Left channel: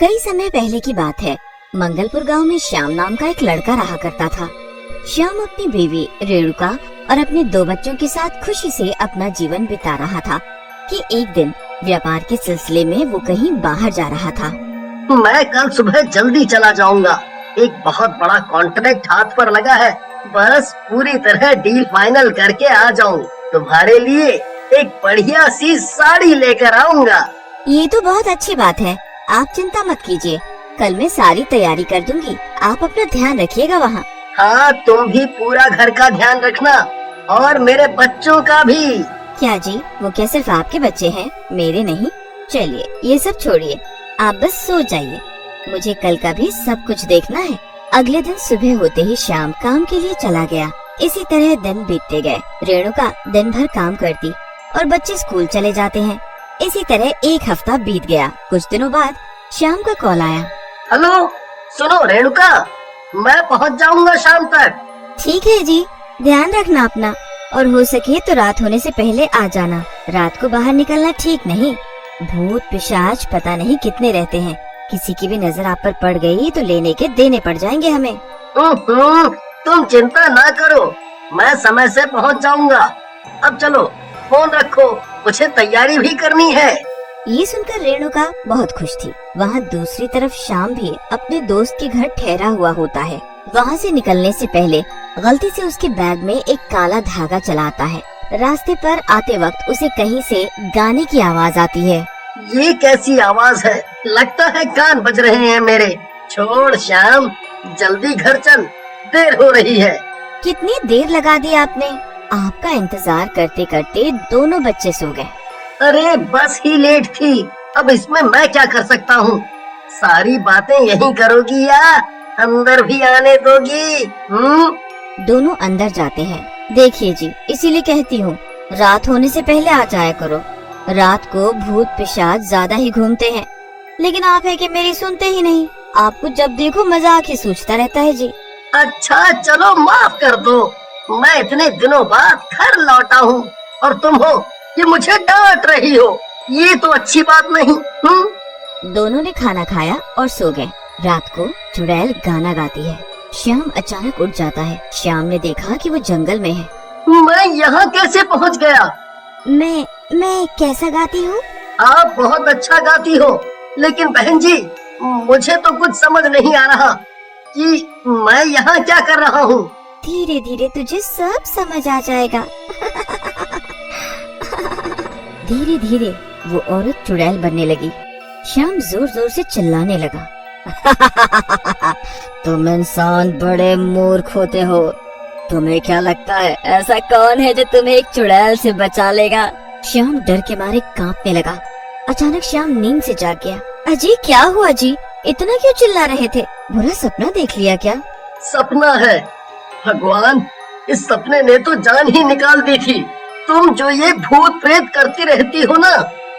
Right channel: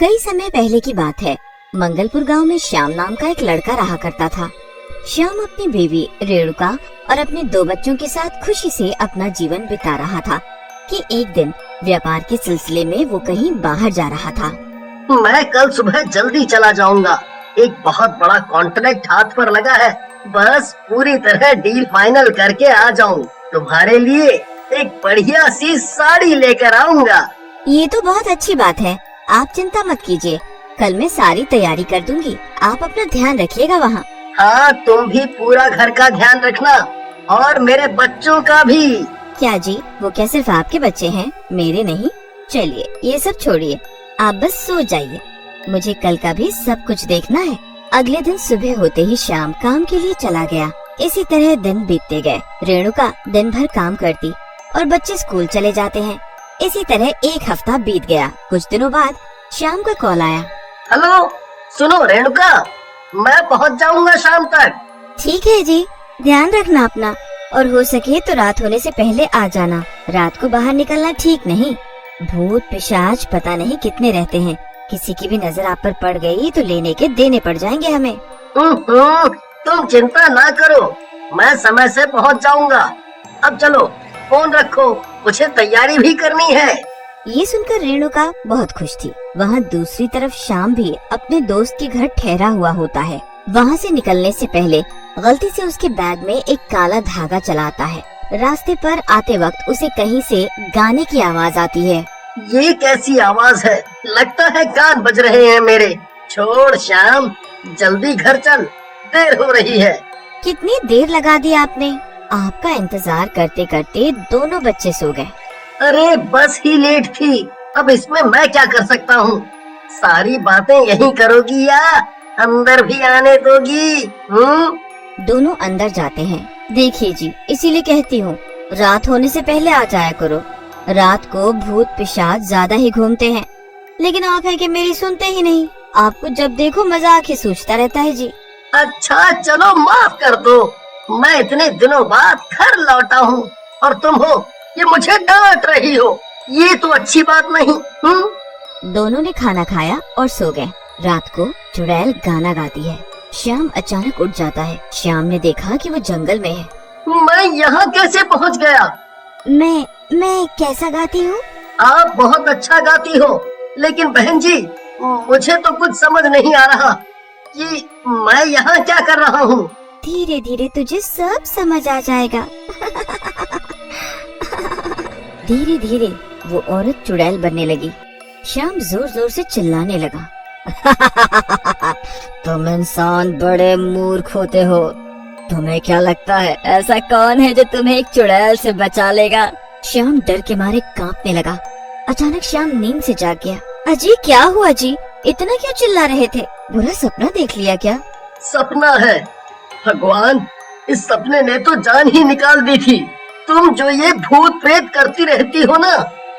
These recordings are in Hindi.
कई समय पहले की बात है। मंगलपुर गांव में श्याम नाम का एक लड़का रहा करता था। श्याम अपनी बीवी रेणुका और अपने 2 बच्चों के साथ खुशी से अपना जीवन बिता रहा था कि एक दिन व्यापार के सिलसिले में वो कहीं बाहर जा रहा था। मैं कल सुबह जल्दी चला जाऊंगा। एक बहुत बड़ा कॉन्ट्रैक्ट हाथ पर लगा है। बस पूरी तरह डील फाइनल करके आ जाऊं। तुम्हारे लिए एक बढ़िया सी साड़ी लेकर आऊंगा। ये तो बहुत अच्छी बात है। आप चिंता मत कीजिए, कल मैं सारी तैयारी कर दूंगी। आप अपना ध्यान रखिएगा वहाँ। हाँ, तुम भी पूरा घर का ध्यान रखना और मेरे बच्चों का भी। क्या जी, वो क्या सिर्फ आपके बच्चे हैं, मेरे नहीं? चलिए ये सब छोड़िए, आप बस सो जाइए। मुझे कल का भी सब कुछ देखना है। अगले दिन सुबह होते ही श्याम काम के लिए चला गया। इसी तरह दिन बीतते गए। रेणुका दिन भर काम करती और बच्चे स्कूल चले जाते हैं। इसी तरह एक हफ्ता बीत गया। कुछ दिनों बाद श्याम का कॉल आया। हेलो, सुनो रेणुका, मैं पहुंच जाऊंगा शाम तक। ठीक है जी, ध्यान रखना अपना, और हो सके तो रात होने से पहले आ जाना। रात को बाहर निकलना ठीक नहीं। भूत पिशाच पता नहीं कितने रहते हैं। किसी की भी नजर आप पर पड़ गई तो लेने के देने पड़ जाएंगे हमें। तुम चिंता ना करो, मैं समय से पहुंच जाऊंगा। अब चलो फोन रखो, मुझे तैयारी भी करनी है। ये सुनकर रेणुका बहुत खुश थी। वहाँ दूसरी तरफ श्याम भी अपने दोस्त के घर ठहरा हुआ होता है। वहाँ से निकलने से पहले गलती से उसके बैग में एक काला धागा चला आता है। रास्ते पर आते वक्त उसे कहीं से गाने की आवाज आती है। ये कैसी आवाज है? लगता है कान बज रहे हैं मेरे। छोड़ श्याम, जल्दी घर चल, देर हो रही है। कितनी देर लगा दी आपने? आपका इंतजार करते करते दोनों बच्चे सो गए। अरे बस ही लेट थी, अब इसमें मैं क्या कर सकता हूँ? सारी बातें यही करोगी या अंदर भी आने दोगी? दोनों अंदर जाते हैं। देखिए जी, इसीलिए कहती हूँ रात होने से पहले आ जाया करो। रात को भूत पिशाच ज्यादा ही घूमते हैं, लेकिन आप है कि मेरी सुनते ही नहीं। आपको जब देखो मजाक ही सूझता रहता है जी। अच्छा चलो माफ कर दो, मैं इतने दिनों बाद घर लौटा हूँ और तुम हो कि मुझे डांट रही हो। ये तो अच्छी बात नहीं। दोनों ने खाना खाया और सो गए। रात को चुड़ैल गाना गाती है। श्याम अचानक उठ जाता है। श्याम ने देखा कि वो जंगल में है। मैं यहाँ कैसे पहुँच गया? मैं कैसा गाती हूँ? आप बहुत अच्छा गाती हो, लेकिन बहन जी मुझे तो कुछ समझ नहीं आ रहा कि मैं यहाँ क्या कर रहा हूँ। धीरे धीरे तुझे सब समझ आ जाएगा। धीरे धीरे वो औरत चुड़ैल बनने लगी। श्याम जोर जोर से चिल्लाने लगा। तुम इंसान बड़े मूर्ख होते हो। तुम्हें क्या लगता है ऐसा कौन है जो तुम्हें एक चुड़ैल से बचा लेगा? श्याम डर के मारे कांपने लगा। अचानक श्याम नींद से जाग गया। अजय क्या हुआ जी? इतना क्यों चिल्ला रहे थे? बुरा सपना देख लिया क्या? सपना है? भगवान, इस सपने ने तो जान ही निकाल दी थी। तुम जो ये भूत प्रेत करती रहती हो ना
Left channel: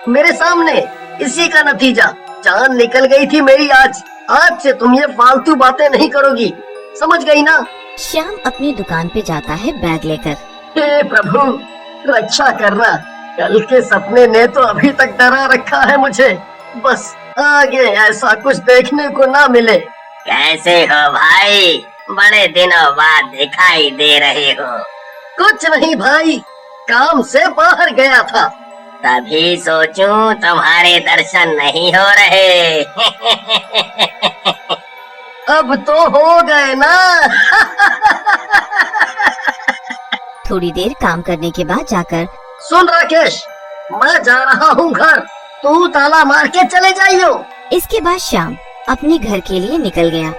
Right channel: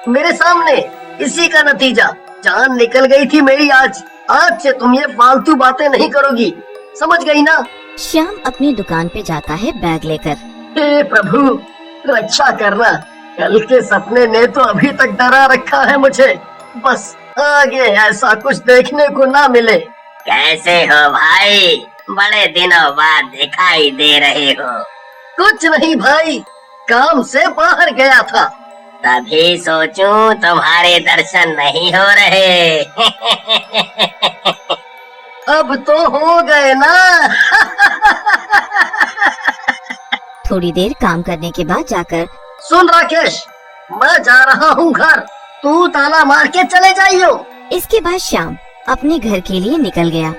मेरे सामने, इसी का नतीजा। जान निकल गई थी मेरी आज। आज से तुम ये फालतू बातें नहीं करोगी, समझ गई ना? श्याम अपनी दुकान पे जाता है बैग लेकर। हे प्रभु, रक्षा करना। कल के सपने ने तो अभी तक डरा रखा है मुझे। बस आगे ऐसा कुछ देखने को ना मिले। कैसे हो भाई? बड़े दिनों बाद दिखाई दे रहे हो। कुछ नहीं भाई, काम से बाहर गया था। तभी सोचूं तुम्हारे दर्शन नहीं हो रहे। अब तो हो गए ना। थोड़ी देर काम करने के बाद जाकर, सुन राकेश, मैं जा रहा हूँ घर, तू ताला मार के चले जाइयो। इसके बाद श्याम अपने घर के लिए निकल गया।